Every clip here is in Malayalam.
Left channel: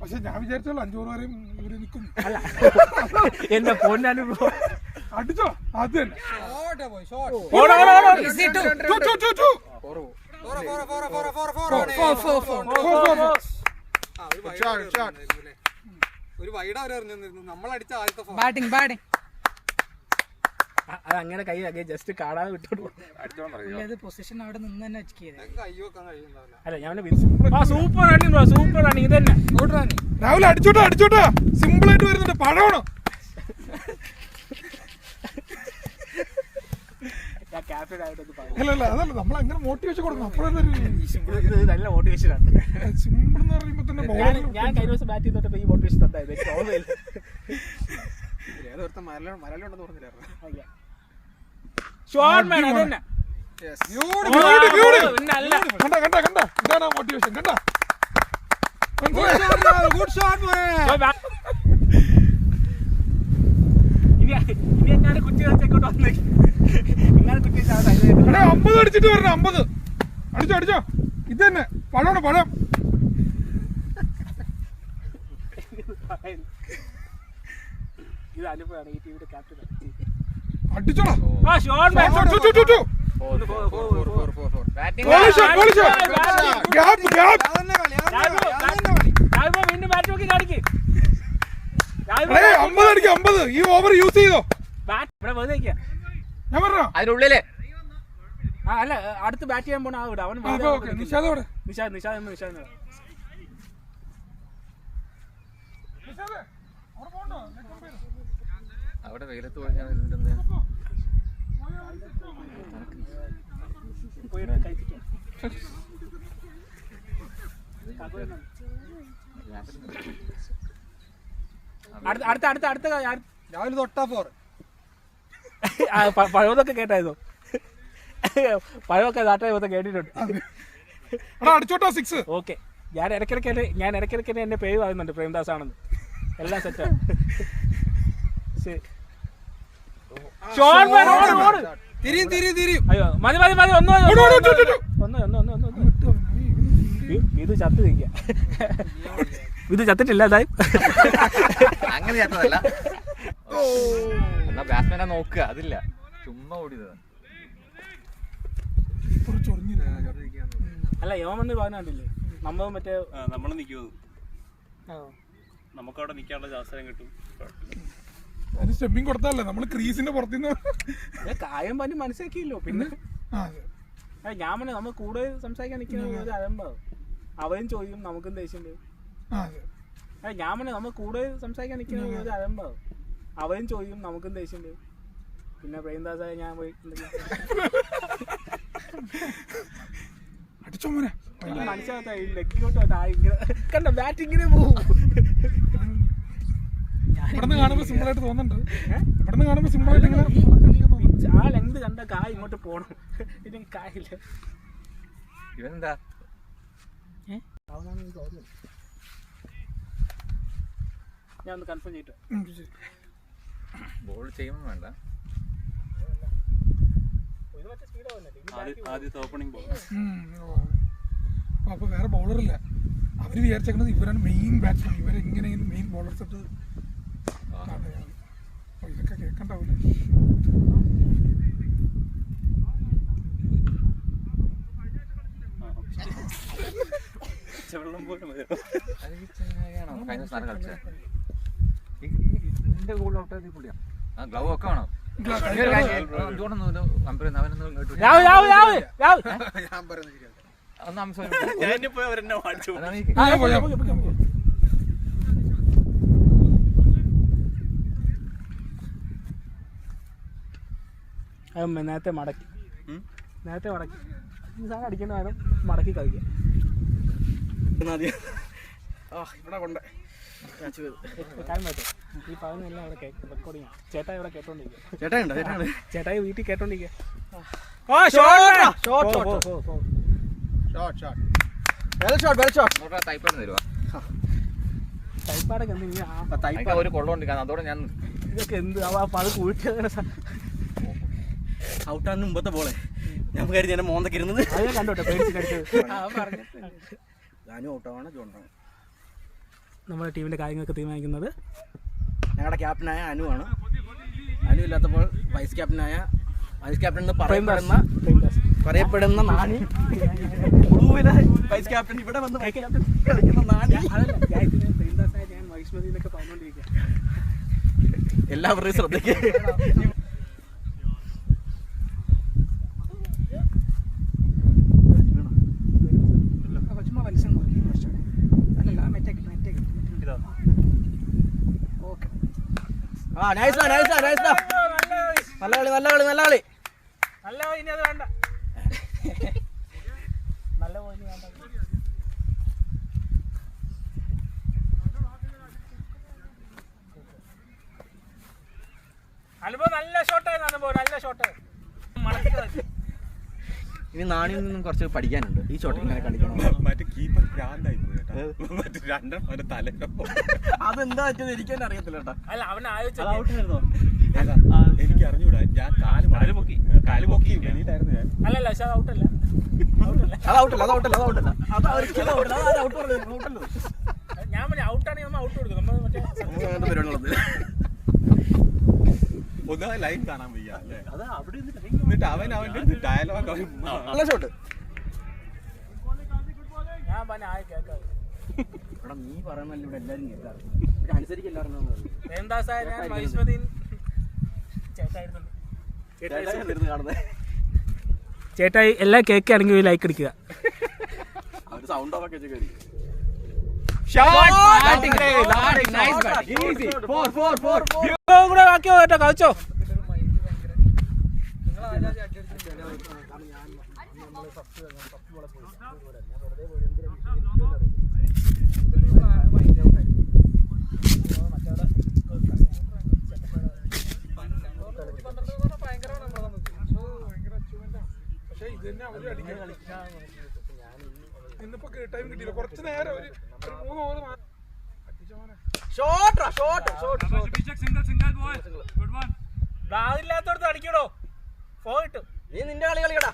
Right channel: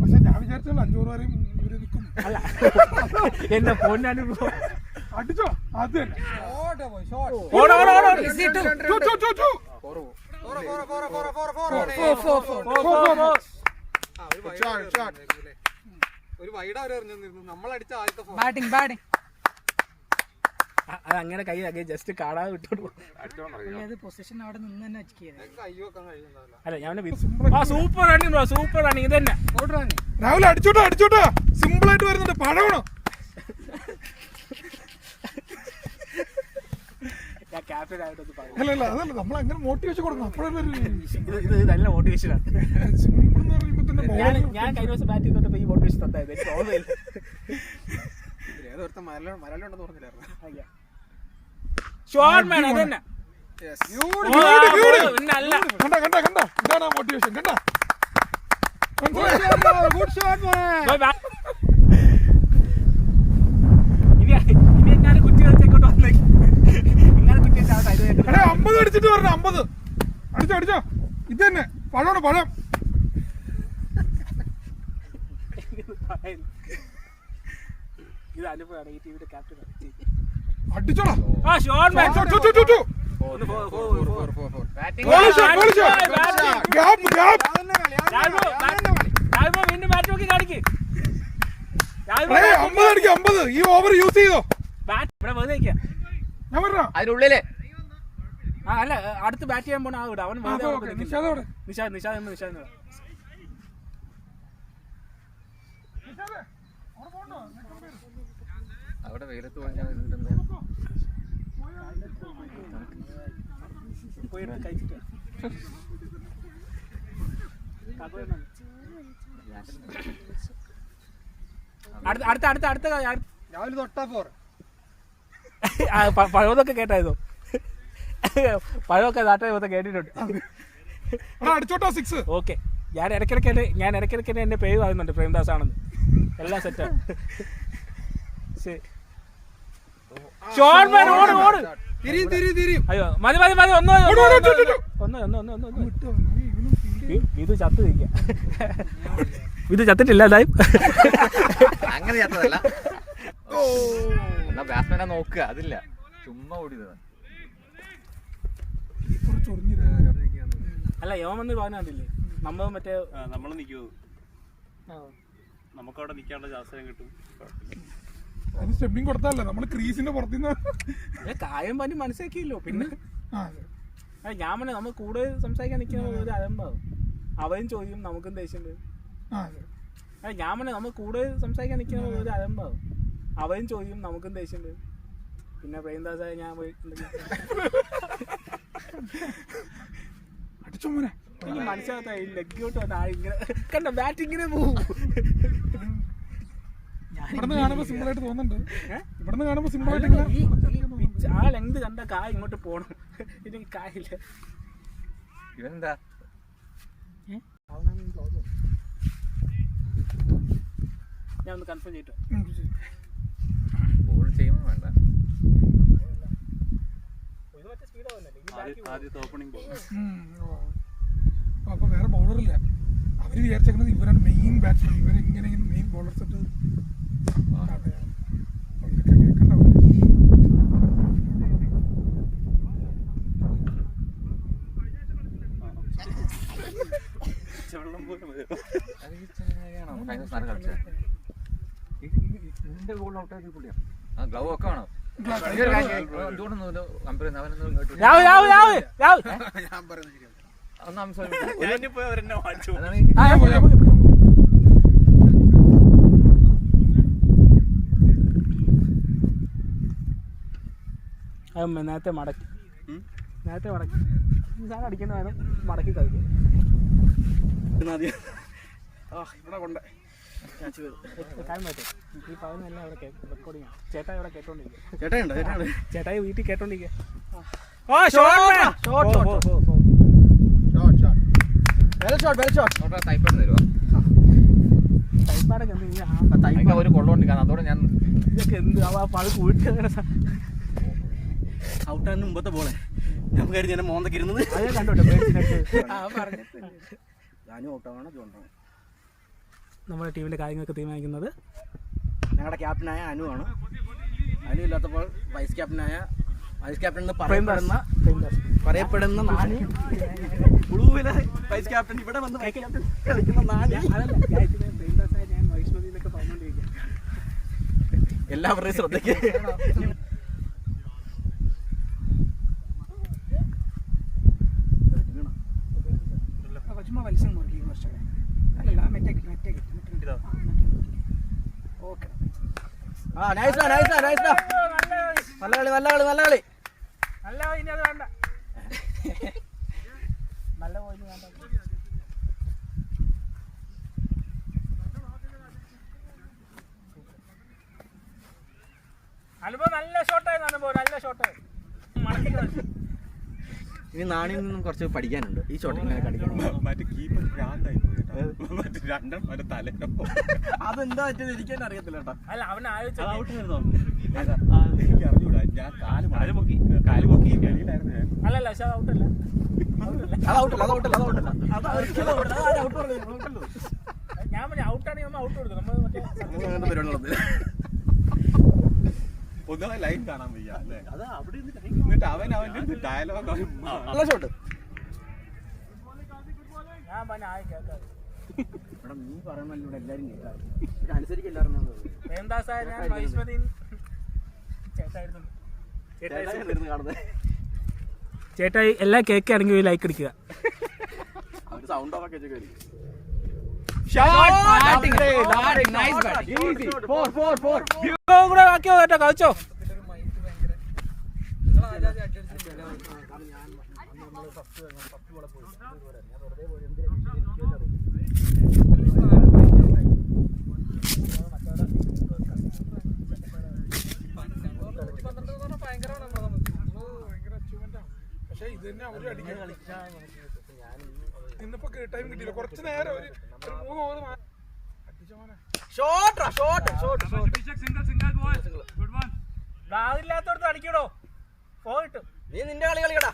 പക്ഷെ ഞാൻ വിചാരിച്ചോളൂ 5 ഓവർ വരെയും ഇവര് നിൽക്കും. അല്ല എന്റെ ഫോണിനാണ് അടിച്ചോ അത് തന്നെ. അത് അങ്ങനെ കൈ ജസ്റ്റ് കാണാതെ വിട്ടോളൂ. അല്ല ഞാൻ സൂപ്പർ റണ്ണിങ് സൂപ്പർ റണ്ണിങ് ഇത് തന്നെ. രാവിലെ അടിച്ചോട്ടാ സിമ്പിൾ ആയിട്ട് വരുന്നുണ്ട്. പഴമാണ് അല്ല അതല്ല നമ്മൾ അങ്ങനെ മോട്ടിവേഷൻ കൊടുക്കണം. അപ്പോഴൊരു നല്ല മോട്ടിവേഷനാണ്. സിമ്പിൾ എന്ന് പറയുമ്പോ തന്നെ ഞാൻ കഴിഞ്ഞ ദിവസം ബാറ്റ് ചെയ്തോട്ടപ്പോ ഈ മോട്ടിവേഷൻ തന്നായിരുന്നു. കണ്ട ഇതാണ് മോട്ടിവേഷൻ. കണ്ട ഇനി എങ്ങനെ കുറ്റി വെച്ചേക്കോട്ട് വന്നേക്കും. 50 അടിച്ചിട്ട് പറഞ്ഞ 50 അടിച്ചോ. ഇത് തന്നെ പഴമാണ് പഴം. ഇത് അനുഭവമാണ് ഈ ടീമിന്റെ ക്യാപ്റ്റൻ. അടിച്ചോളാം. വീണ്ടും ബാറ്റ് നോക്കി കാണിക്ക്. 50 അടിക്കും 50. ഈ ഓവർ യൂസ് ചെയ്തോ. ഞാൻ പറഞ്ഞോ അതിനുള്ളില് അല്ല അടുത്ത് ബാറ്റ് ചെയ്യാൻ പോണ ആവിടെ അവൻ നിഷാദ് അവിടെ വെയിലത്ത് പോയാൽ അടുത്ത രാവിലെ തൊട്ടാ 4 പഴമൊക്കെ കേട്ടായിരുന്നോ? പഴമൊക്കെ നാട്ടിൽ കേട്ടിട്ടുണ്ട്. അടിച്ചോട്ടോ 6. ഓക്കെ ഞാൻ ഇടയ്ക്കിടയ്ക്ക് എന്നെ പേര് പറയുന്നുണ്ട് പ്രേംദാസ് ആണെന്ന്. എല്ലാം സെറ്റാണ്. അയ്യോ മതി ഒന്ന് ഇത് ചത്ത് നിൽക്കുക. ഇത് ചത്തിട്ടില്ല ലൈവ്. അങ്ങനെ ചത്തതല്ല. എന്നാ ബാറ്റ്സ്മാനെ നോക്കുക. അതില്ല ചുമ്മാ ഓടിയതാണ്. അല്ല യോമെന്ന് പറഞ്ഞില്ലേ നമ്മൾ മറ്റേ നമ്മള് നിൽക്കുമോ നമുക്കവിടെ നിൽക്കാനുള്ള അവസരം കിട്ടും. സ്റ്റെപ്പിങ് കൊടുത്താലേ നമ്മള് ക്രീസിന്റെ പുറത്തുനിന്ന് കാര്യം പറഞ്ഞ് മനസ്സിലാക്കിയല്ലോ. പിന്നെ ഞാൻ പറഞ്ഞ നമ്മൾ കൂടുതൽ സംസാരിക്കാൻ നിൽക്കുന്നത് അതുണ്ടോ അവരും ചോദിക്കും നമുക്കും ദേഷ്യം വരും. ഞാൻ പറഞ്ഞ നമ്മൾ കൂടുതൽ സംസാരിക്കാൻ നിൽക്കുന്നത് അതുണ്ടോ അവരും ചോദിക്കും നമുക്കും ദേഷ്യം വരും. പിന്നെ പ്രേംദാസായ ഞാൻ മനസ്സിലാത്ത ലെഗിലോട്ട് കണ്ട ബാറ്റിങ്ങിനെ പോകും. ഇവിടുന്ന് കാണുമ്പോ സിമ്പിൾ ആയിട്ട് തോന്നുന്നുണ്ട്. ഇവിടുന്ന് കാണുമ്പോ സിമ്പിൾ ആയിട്ട് ആ ലെങ്ത് കണ്ട കായ് ഇങ്ങോട്ട് പോണം. ഇതിന് കായില്ല. ഇവനെന്താ ഞാൻ ഒന്ന് കൺഫേം ചെയ്തിട്ടോ. ബോൾ ചെയ്യുമ്പോൾ വേണ്ട. ആദ്യത്തെ ഓപ്പണിംഗ് ബോൾ. അപ്പൊ വേറെ ബൗളറില്ല. അവര് വിചാരിച്ചേക്കുന്നത് ഇവരാണ് മെയിൻ ബാറ്റ്സ്മാൻ. ഇവരെങ്ങനെ മെയിൻ ബോളേഴ്സ് ഇട്ട് ഇതൊക്കെ കേൾക്കണ്ട. വെള്ളം പോലും ഗ്ലൗ ഒക്കെ വേണം. നേരത്തെ മടക്കി ഈ സാധനം അടിക്കേണ്ട വേണം മടക്കി കളിക്കാൻ. ഇവിടെ കൊണ്ട് ഈ പറയുന്നതെല്ലാം ഇവിടെ റെക്കോർഡിംഗ് ആണ്. ചേട്ടായി ഇവിടെ കേട്ടോണ്ടിരിക്കുക. ചേട്ടായി വീട്ടിൽ കേട്ടോണ്ടിരിക്കുക. ടൈപ്പാടൊക്കെ ഒരു കൊള്ളമുണ്ട്. അതോടെ ഞാൻ ഇതൊക്കെ എന്ത് അത് കൂട്ടി ഔട്ടാണ് മുമ്പത്തെ ബോളെ ഞാൻ കരുതി എന്നെ മോന്തൊക്കെ ഇരുന്നത്. അത് കണ്ടോട്ടെ ഞാനും ഔട്ടാണ് ജോണ്ടാണ്. നമ്മുടെ ടീമിന്റെ കാര്യങ്ങളൊക്കെ തീരുമാനിക്കുന്നത് ഞങ്ങളുടെ ക്യാപ്റ്റനായ അനുവാണ്. അനു ഇല്ലാത്തപ്പോൾ വൈസ് ക്യാപ്റ്റൻ എന്ന് പറയപ്പെടുന്ന നാണി, വൈസ് ക്യാപ്റ്റൻ ഇവിടെ വന്ന് വൈസ് ക്യാപ്റ്റൻ കളിക്കുന്ന നാണി. എല്ലാവരുടെയും ശ്രദ്ധയ്ക്ക് നല്ല കളി. ഇനി അത് വേണ്ട, നല്ല പോയിന്റ് വേണ്ട. അനുഭവം നല്ല ഷോട്ടായിരുന്നു. അനുഭവം നല്ല ഷോട്ടായിരുന്നു. ഇനി നാണിയിൽ നിന്നും കുറച്ച് പഠിക്കാനുണ്ട്. ഈ ഷോട്ട് ഇങ്ങനെ കളിക്കണം. മറ്റേ കീപ്പർ ഭ്രാന്തായി പോയി കേട്ടോ. മറ്റേ രണ്ടെണ്ണം തലയോ അതെന്താ പറ്റുന്നത് എനിക്ക് തന്നെ അറിയത്തില്ല കേട്ടോ. അല്ല, അവൻ എനിക്ക് അറിഞ്ഞൂടാ. ഞാൻ കാല് പൊക്കി വെളിയിലായിരുന്നു ഞാൻ. അല്ലല്ല, പക്ഷെ അത് ഔട്ടല്ല. ഞാൻ പറഞ്ഞ ഔട്ടാണെങ്കിൽ നമ്മൾ ഔട്ട് കൊടുക്കും. നമ്മൾ മറ്റേ ഒന്നാമത് ലൈൻ കാണാൻ വയ്യ അല്ലേ. എന്നിട്ട് അവന്റെ ഡയലോഗ് നല്ല ഷോട്ട്. ഞാൻ പറഞ്ഞ ആയി കേൾക്കാറ്. നീ പറയണല്ലോ ഇവിടെ എല്ലാരും കേൾക്കാറ്. അനുസരിക്കല്ലായിരുന്നു ചേട്ടായി എല്ലാ കേൾക്കുകയാണെങ്കിൽ ലൈക്ക് അടിക്കുക. സൗണ്ട് ഓഫ് ഒക്കെ കൂടെ ബാക്കിയോ കേട്ടോ, കളിച്ചോ. പക്ഷെ ഇത് തന്നെ അവര് അടിക്കാൻ ഇന്നിപ്പോ ടൈം കിട്ടിയില്ല. കുറച്ച് നേരം ഒരു 3 ഓവർ ഇല്ലാത്തോടത്ത് അടിക്കണോ പോയിട്ട്. നീ നിന്റെ കളി കളിക്കടാ.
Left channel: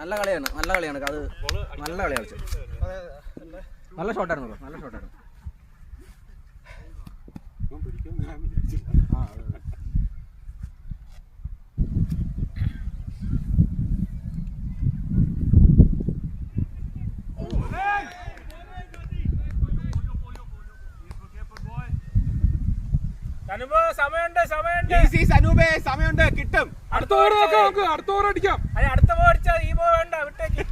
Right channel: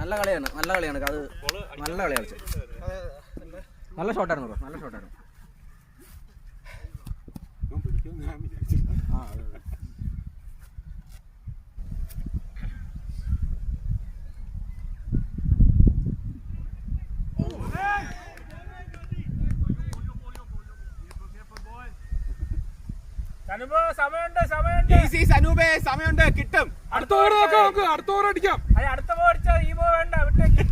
നല്ല കളിയാണ് അത്. നല്ല കളി കളിച്ചു. നല്ല ഷോട്ടായിരുന്നു. സമയമുണ്ട് കിട്ടും. അടുത്ത ഓവർ അടിക്കാം. അടുത്ത ബോൾ അടിച്ചാൽ ഈ ബോൾ വേണ്ട, വിട്ടേക്ക്.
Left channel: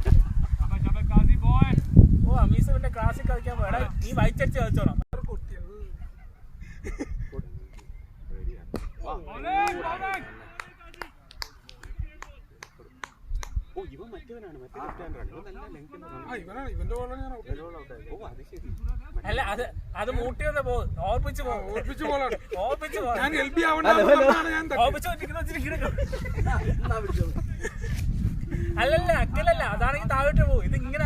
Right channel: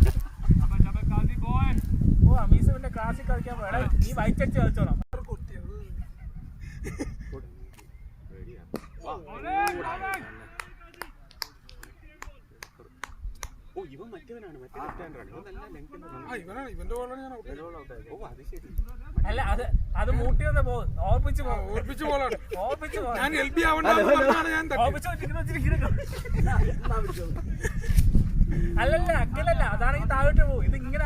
ഓ അമീസിന്റെ ക്ലാസ്സിൽ കളിക്കാൻ വേണം. ഈ വൈറ്റടിച്ച് കളിച്ചോണം. അല്ല അത് മൂട്ടി വന്ന പോകും. ഓർപ്പിച്ച് അല്ലല്ല അക്കലല്ല, അതാണെങ്കിൽ താഴോട്ട് പോകും. ഇത് ഇങ്ങനെ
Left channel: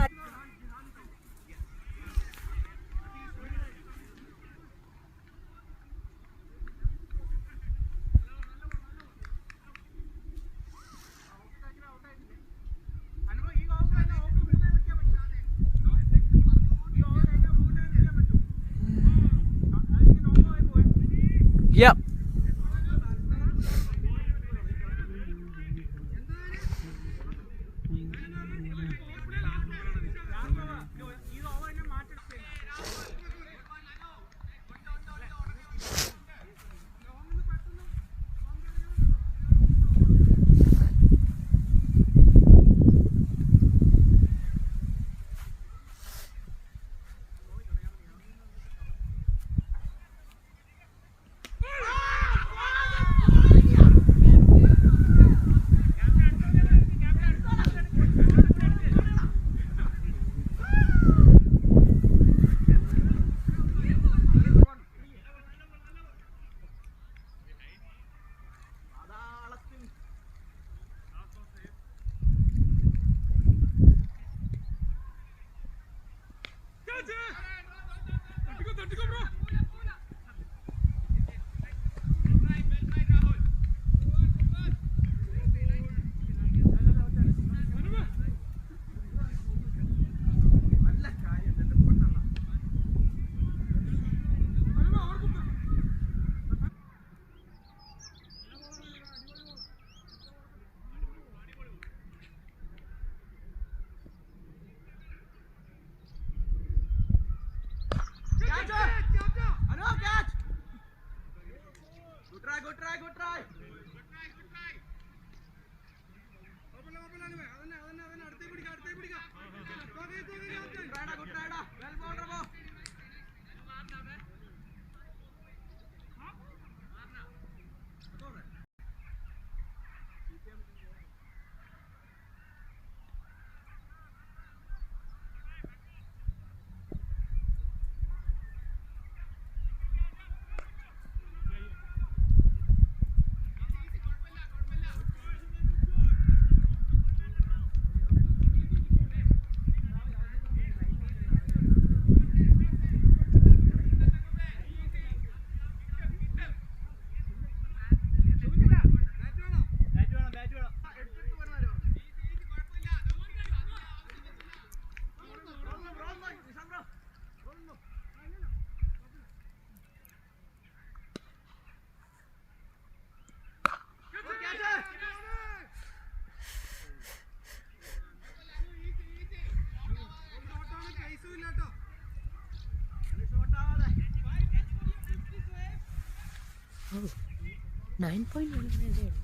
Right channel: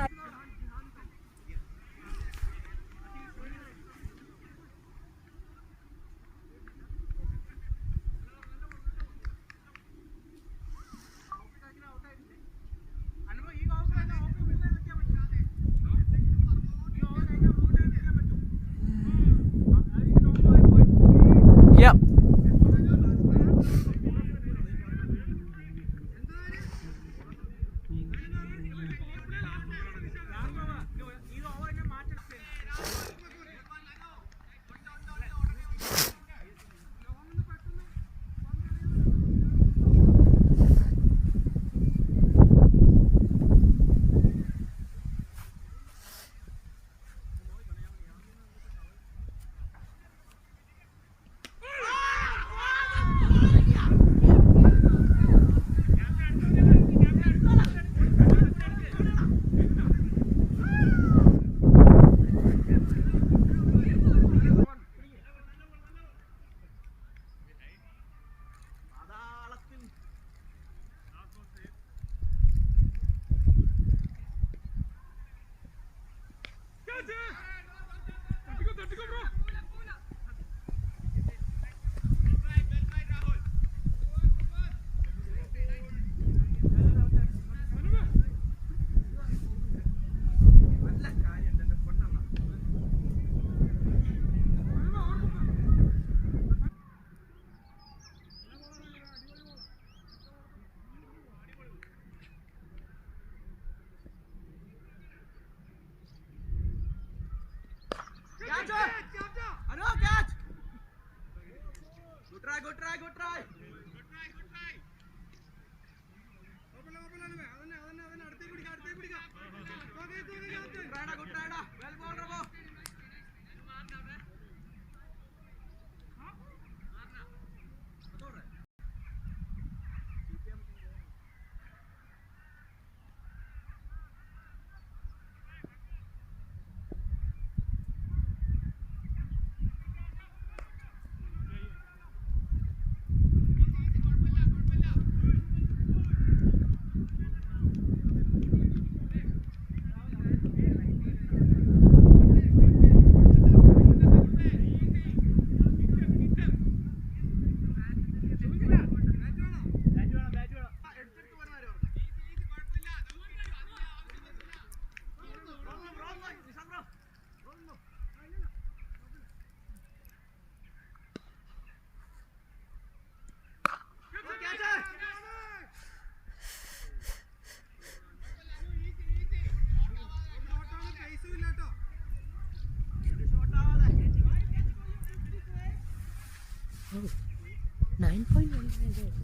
9.1.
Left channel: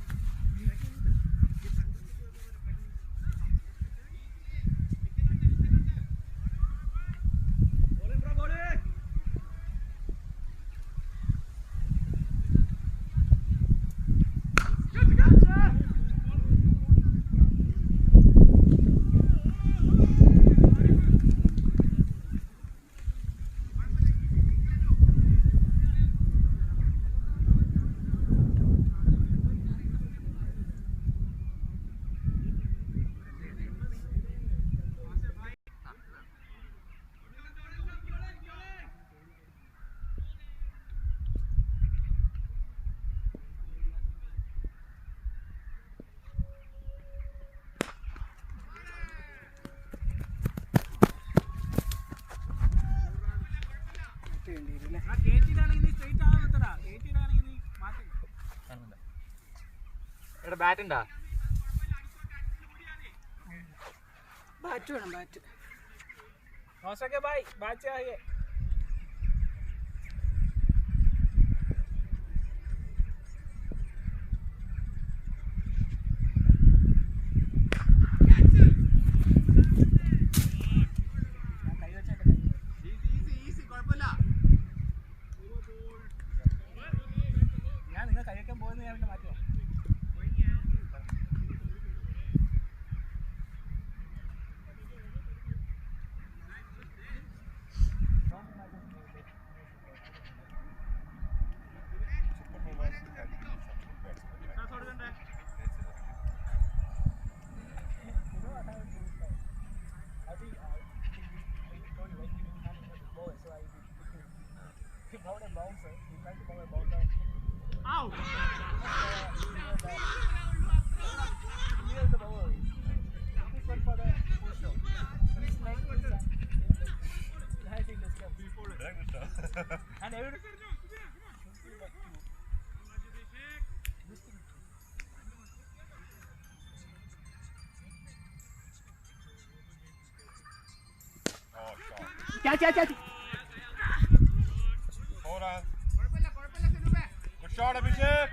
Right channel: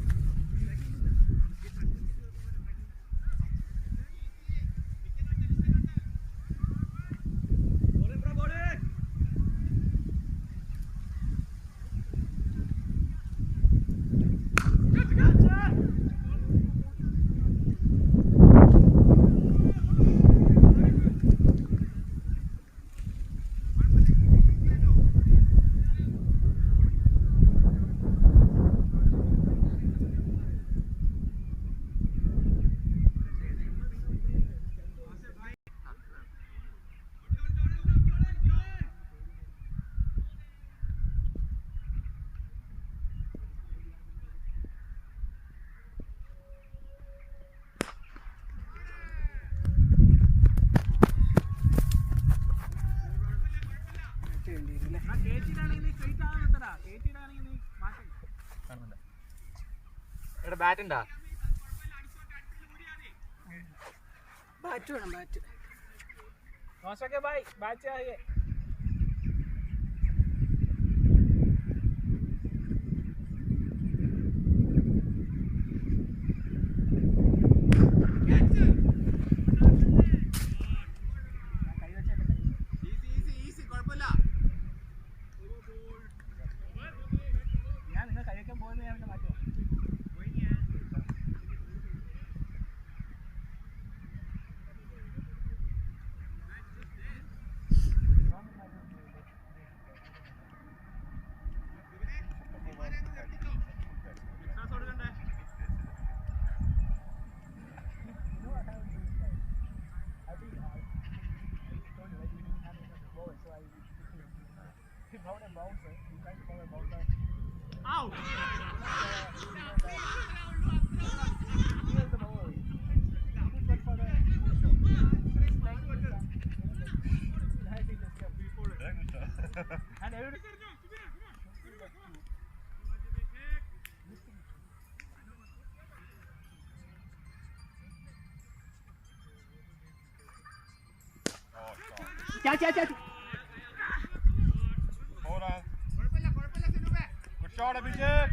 ബാറ്റ് ഉണ്ടാ ബാറ്റ് വേണം ബാറ്റ്. भाई बात चाहिए. क्या Good shot, Abhishek.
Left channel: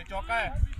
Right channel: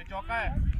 एक चौका है.